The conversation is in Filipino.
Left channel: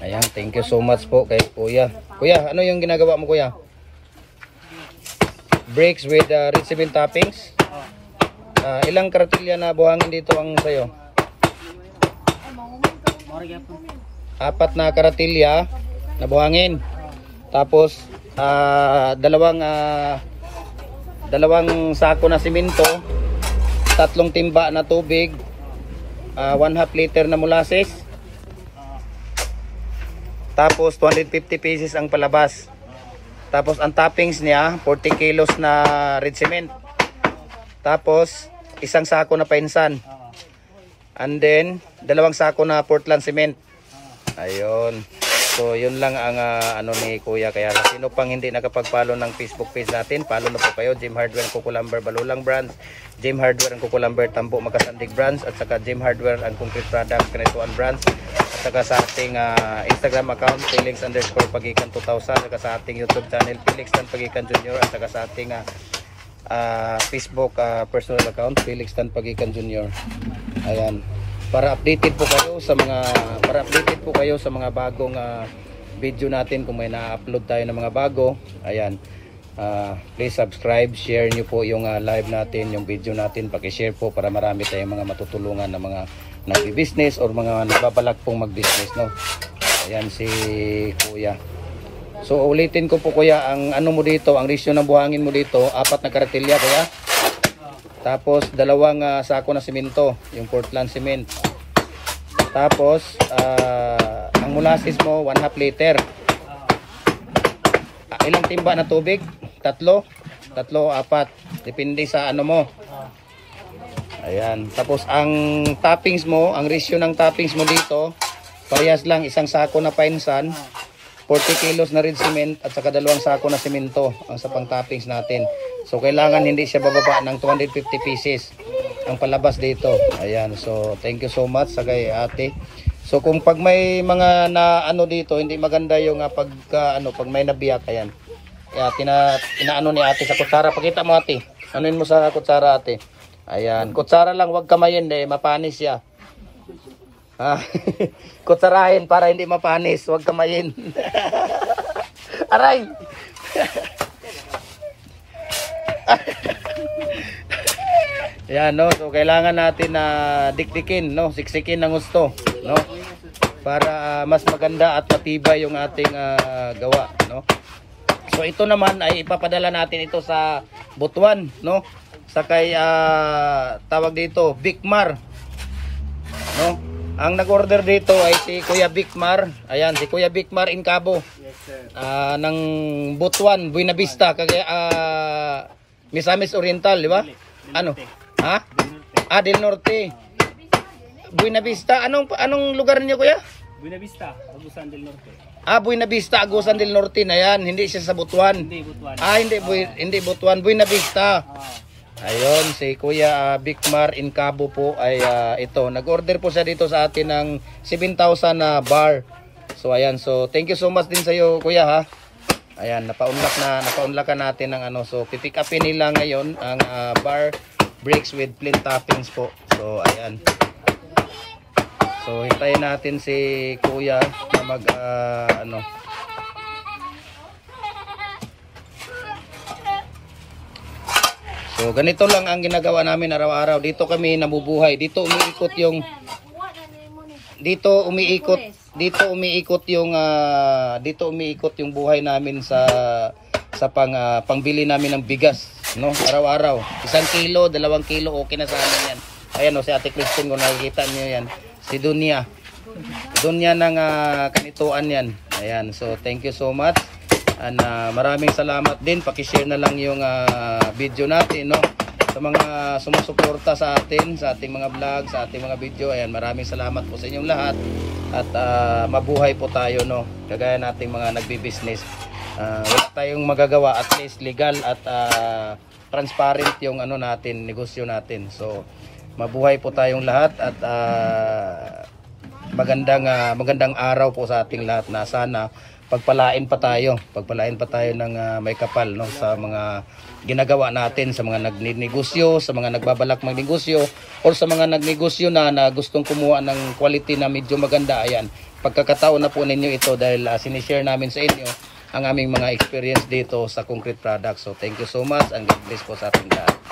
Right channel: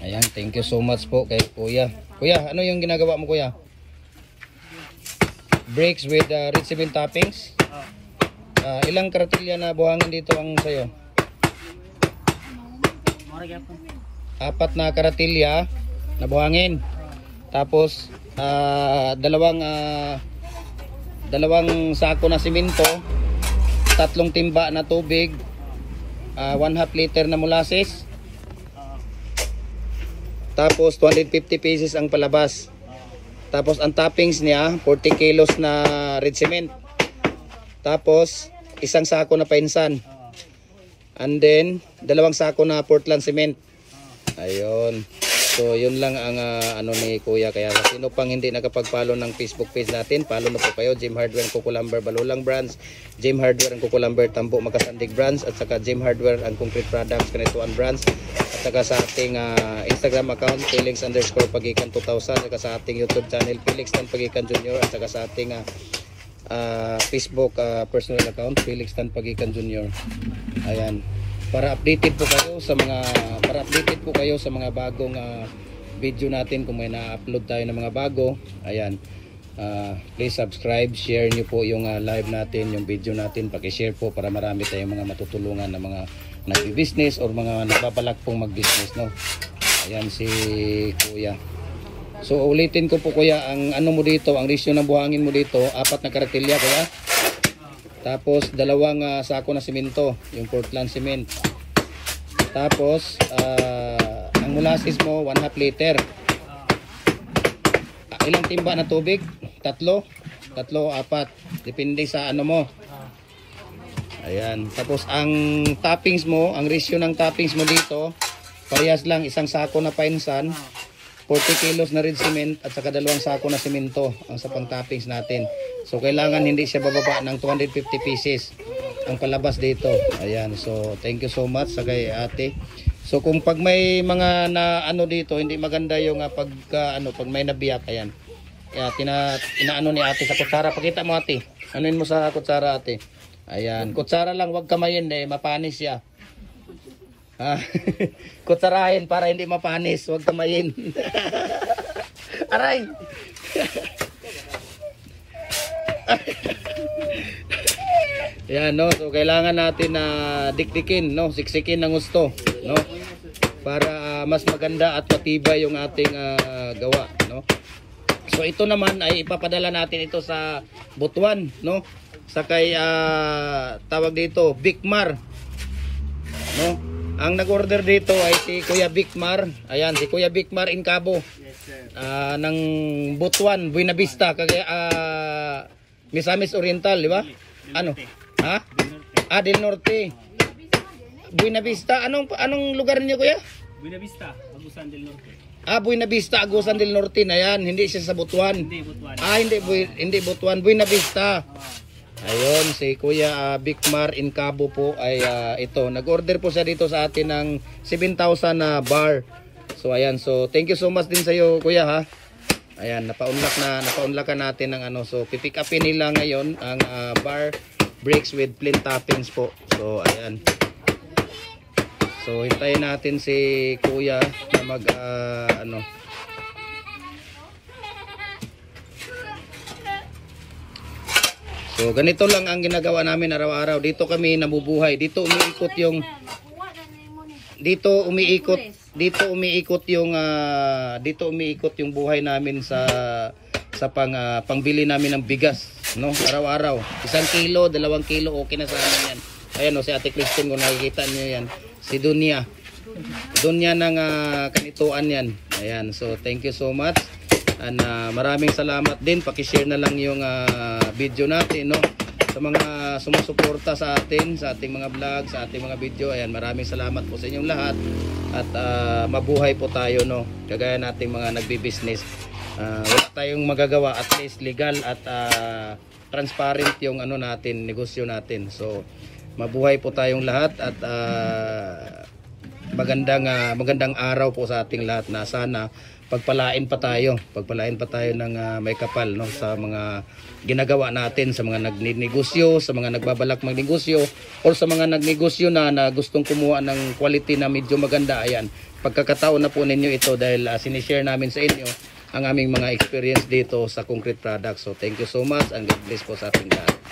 Ayan, thank you so much po kay Kuya. Kuya, ano yung ginagawa mo, Kuya? Brakes with red cement toppings. Ilang karatilya na buhangin dito ang sayo? 4 na karatilya na buhangin. Tapos dalawang sako na simento, 3 timba na tubig, 1/2 liter na molasses. Tapos 250 pieces ang palabas. Tapos ang toppings niya 40 kilos na red cement. Tapos 1 sako na painsan. And then 2 sako na Portland cement. Ayun. So yun lang ang ano ni Kuya. Kaya sino pang hindi nakapag-follow ng Facebook page natin, follow na po kayo. Gem Hardware and Kukulamber Balulang Brands, Gem Hardware and Kukulamber Tambo Makasandig Brands, at saka Gem Hardware and Concrete Products Kanituan Brands, at saka sa ating Instagram account Felix_Pagikan 2000, at saka sa ating YouTube channel Felix Tan Pagikan Jr., at saka sa ating Facebook personal account Felix Tan Pagikan Jr. Ayan. Para updated po kayo sa mga bagong video natin, kung may na-upload tayo ng mga bago. Ayan. Please subscribe, share niyo po yung live natin, yung video natin, paki-share po para marami tayong mga matutulungan ng mga nag-business or mga nagbabalak pong mag-business, no. Ayan si Kuya. So ulitin ko po, Kuya, ang ano mo dito, ang ratio ng buhangin mo dito, 4 na karatilya, Kuya. Tapos 2 sako na simento, yung Portland cement. Tapos ang molasses mo 1/2 liter. Ilang timba na tubig? 3, 4, depende sa ano mo. Ayan. Tapos ang toppings mo, ang ratio ng toppings mo dito, parehas lang, 1 sako na painsan, 40 kilos na red cement, at saka 2 sako na simento ang sa pang toppings natin. So kailangan hindi siya bababa ng 250 pieces ang palabas dito. Ayan. So thank you so much sa kay ate. So kung pag may mga na ano dito hindi maganda yung pag may nabiyak, ayan. Kaya inaano ni ate sa kutsara. Pakita mo, ate. Anuin mo sa kutsara, ate. Ayan. Kutsara lang, wag kamayin, mapanis siya. Kutsarahin para hindi mapanis, wag kamayin. Aray. Yan, no. So kailangan natin na dikdikin, no, siksikin ng gusto, no, para mas maganda at matibay yung ating gawa, no. So ito naman ay ipapadala natin ito sa Butuan, no, sa kay tawag dito Bicmar, no. Ang nag-order dito ay si Kuya Bicmar. Ayan, si Kuya Bicmar in Cabo, ng Butuan, Buena Vista, kaya Misamis Oriental, di ba? Ano? Ha? Del Norte. Buena Vista. Anong lugar niyo, Kuya? Buena Vista, Agusan del Norte. Buena Vista, Agusan del Norte na yan. Hindi siya sa Butuan. Hindi Butuan. Hindi Butuan. Buena Vista. Ayun, si Kuya Bicmar in Cabo po ay ito. Nag-order po siya dito sa atin ng 7,000 na bar. So ayan, so thank you so much din sa iyo, Kuya, ha. Ayan, napaunlakan natin ng ano. So pipick upin nila ngayon ang bar brakes with plain toppings po. So ayan. So hintayin natin si Kuya na mag So ganito lang ang ginagawa namin araw-araw. Dito kami nabubuhay. Dito umiikot yung buhay namin sa pangbili namin ng bigas, no, araw-araw. 1 kilo, 2 kilo, okay na sa amin yan. Ayan, no, si Ate Christine, kung nakikita nyo yan, si Dunya ng Kanituan yan. Ayan, so thank you so much, and maraming salamat din. Pakishare na lang yung video natin, no, sa mga sumusuporta sa atin, sa ating mga vlog, sa ating mga video. Ayan, maraming salamat po sa inyong lahat, at mabuhay po tayo, no, kagaya nating mga nagbi-business. Wala tayong magagawa, at least legal at transparent yung ano natin, negosyo natin. So mabuhay po tayong lahat, at magandang araw po sa ating lahat, na sana pagpalain pa tayo ng may kapal, no, sa mga ginagawa natin, sa mga nagnegosyo, sa mga nagbabalak magnegosyo, o sa mga nagnegosyo na gustong kumuha ng quality na medyo maganda. Ayan, pagkakataon na po ninyo ito dahil sinishare namin sa inyo ang aming mga experience dito sa concrete products. So thank you so much and God bless po sa ating lahat.